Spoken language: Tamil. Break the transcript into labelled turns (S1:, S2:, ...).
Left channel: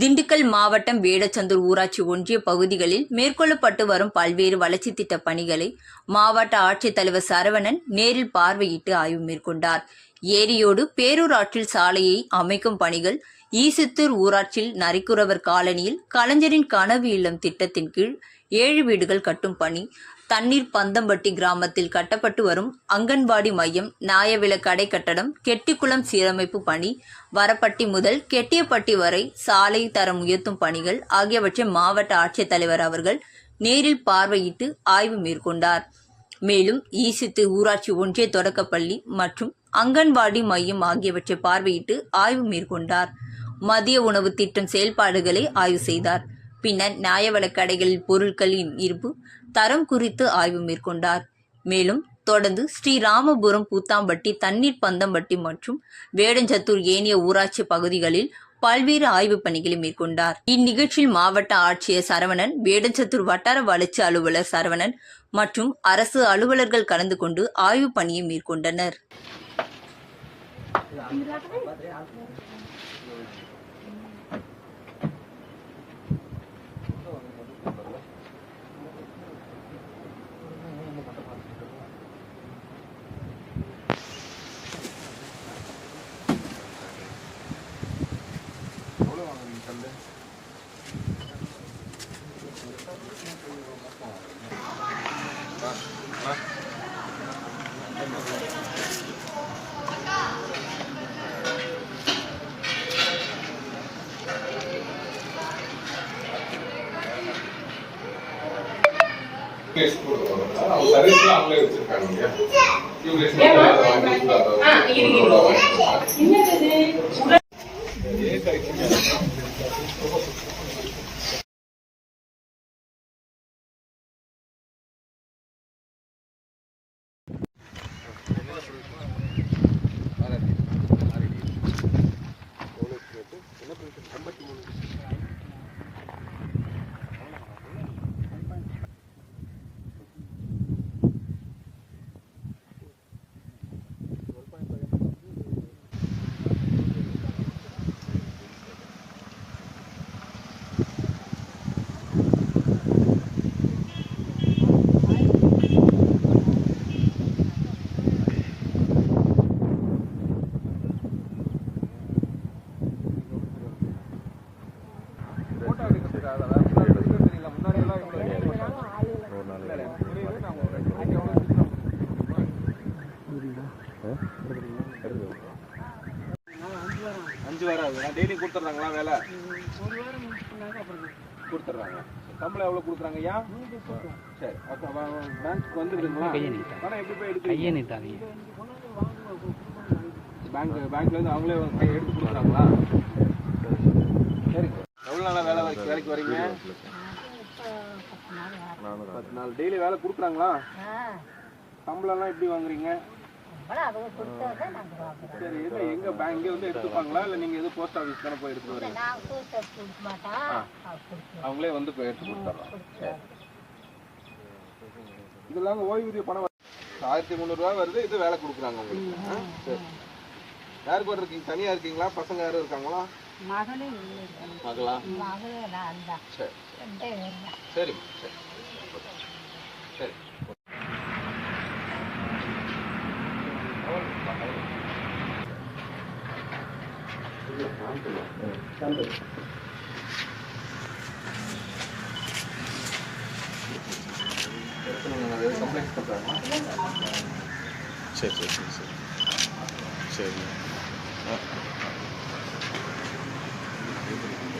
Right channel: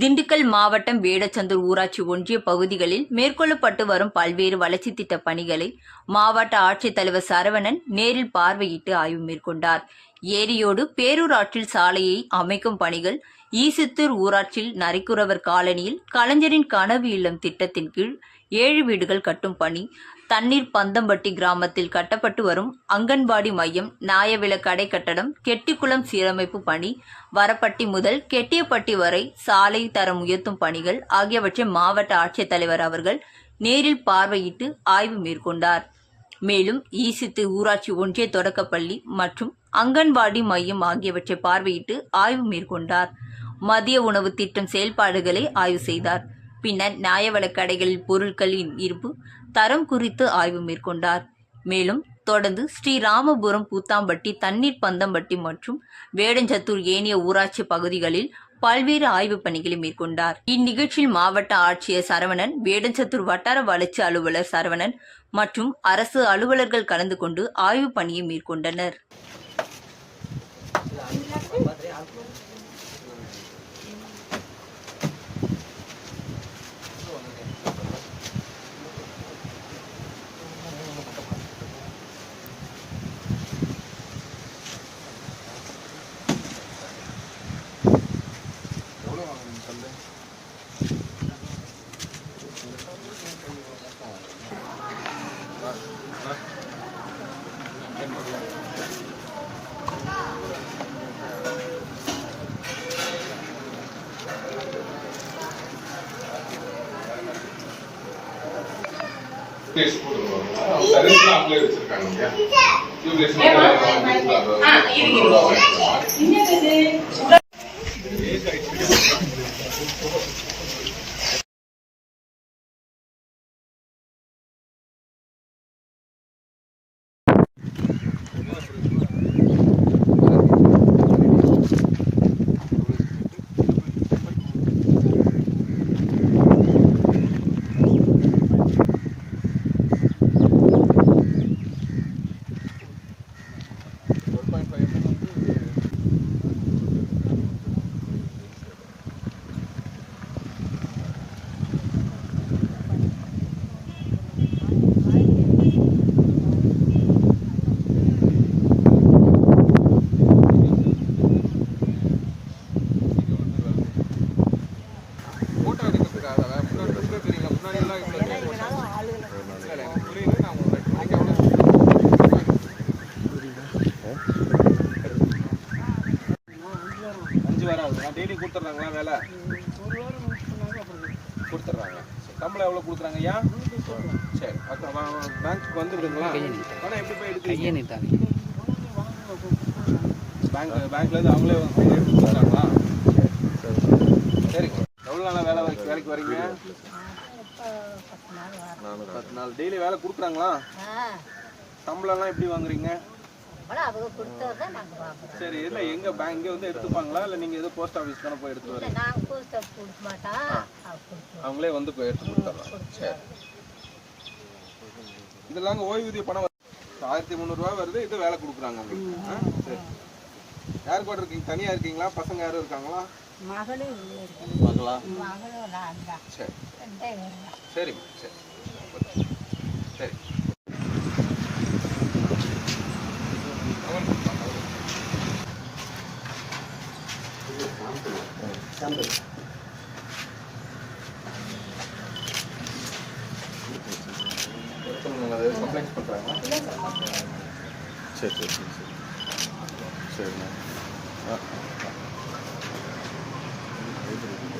S1: திண்டுக்கல் மாவட்டம் வேடச்சந்தூர் ஊராட்சி ஒன்றிய பகுதிகளில் மேற்கொள்ளப்பட்டு வரும் பல்வேறு வளர்ச்சி திட்ட பணிகளை மாவட்ட ஆட்சித்தலைவர் சரவணன் நேரில் பார்வையிட்டு ஆய்வு மேற்கொண்டார். ஏரியோடு பேரூராற்றில் சாலையை அமைக்கும் பணிகள் ஈசித்தூர் ஊராட்சியில் நரிக்குறவர் காலனியில் கலைஞரின் கனவு இல்லம் திட்டத்தின் கீழ் ஏழு வீடுகள் கட்டும் பணி தண்ணீர் பந்தம்பட்டி கிராமத்தில் கட்டப்பட்டு வரும் அங்கன்வாடி மையம் நியாயவில கடை கட்டடம் கெட்டிக்குளம் சீரமைப்பு பணி வரப்பட்டி முதல் கெட்டியப்பட்டி வரை சாலை தரம் உயர்த்தும் பணிகள் ஆகியவற்றை மாவட்ட ஆட்சித்தலைவர் அவர்கள் நேரில் பார்வையிட்டு ஆய்வு மேற்கொண்டார். மேலும் ஈசித்து ஊராட்சி ஒன்றிய தொடக்கப்பள்ளி மற்றும் அங்கன்வாடி மையம் ஆகியவற்றை பார்வையிட்டு ஆய்வு மேற்கொண்டார். மதிய உணவு திட்டம் செயல்பாடுகளை ஆய்வு செய்தார். பின்னர் நியாயவள கடைகளில் பொருட்களின் இருப்பு தரம் குறித்து ஆய்வு மேற்கொண்டார். மேலும் தொடர்ந்து ஸ்ரீராமபுரம் பூத்தாம்பட்டி தண்ணீர் பந்தம்பட்டி மற்றும் வேடஞ்சத்தூர் ஏனைய ஊராட்சி பகுதிகளில் பல்வேறு ஆய்வுப் பணிகளை மேற்கொண்டார். இந்நிகழ்ச்சியில் மாவட்ட ஆட்சியர் சரவணன் வேடஞ்சத்தூர் வட்டார வளர்ச்சி அலுவலர் சரவணன் மற்றும் அரசு அலுவலர்கள் கலந்து கொண்டு ஆய்வுப் பணியை மேற்கொண்டனர்.
S2: டியூப்லைட்ஸ் போட்டுருவாங்க. அவங்க சர்வீஸ்லாம் அவங்களே வச்சிருக்காங்க இல்லையா? டியூப்லைட்ஸ் மட்டும்
S3: டெய்லி கொடுத்துட்றாங்களா வேலை கொடுத்துட்றாங்க சம்பளம் எவ்வளோ கொடுக்குறாங்க ஐயா சரி பேங்க்குக்கு வந்துருக்குங்களா பணம் எப்படி போய் எடுக்கிறீங்க பேங்க் பேங்க்லேருந்து அவங்களே வந்து எடுத்து கொடுக்குறாங்களா சரிங்க எவ்வளோ நாளாக வேலை வரைக்கும் வேலைக்கு வரீங்க பத்து நாள் டெய்லி வேலை கொடுக்குறாங்களா? சம்பளம்லாம் எப்படி வாங்குறீங்க? சரி இல்ல எங்கே பேங்க் வந்து எடுத்துப்பாங்களா? இல்லை நீங்கள் எது போஸ்ட் ஆஃபீஸ் தானே போய் எடுத்து வரீங்க?
S4: நான் போஸ்ட் ஆபீஸ் கொடுக்க மாட்டேன்
S3: அவங்களே வந்து போய் எடுத்து கொடுத்துட்றாங்க சரி. இதெல்லாம் ஓய்வூதிய பணம் ஆயிரத்தி முந்நூறுரூவா வருது இது வேலை கொடுக்குறாங்க உங்களுக்கு. சரி. யார் கூட இருக்கீங்க? தனியாக இருக்கீங்களா? பசங்க யாரும் இருக்காங்களா?
S4: மகளே இல்லை
S3: மகளா?
S4: மகளும் நான் தான்.
S3: சரி.
S4: ரெண்டே
S3: சரி சரி. பண்ணுறாங்களா
S5: சரி சரி சரி சரி.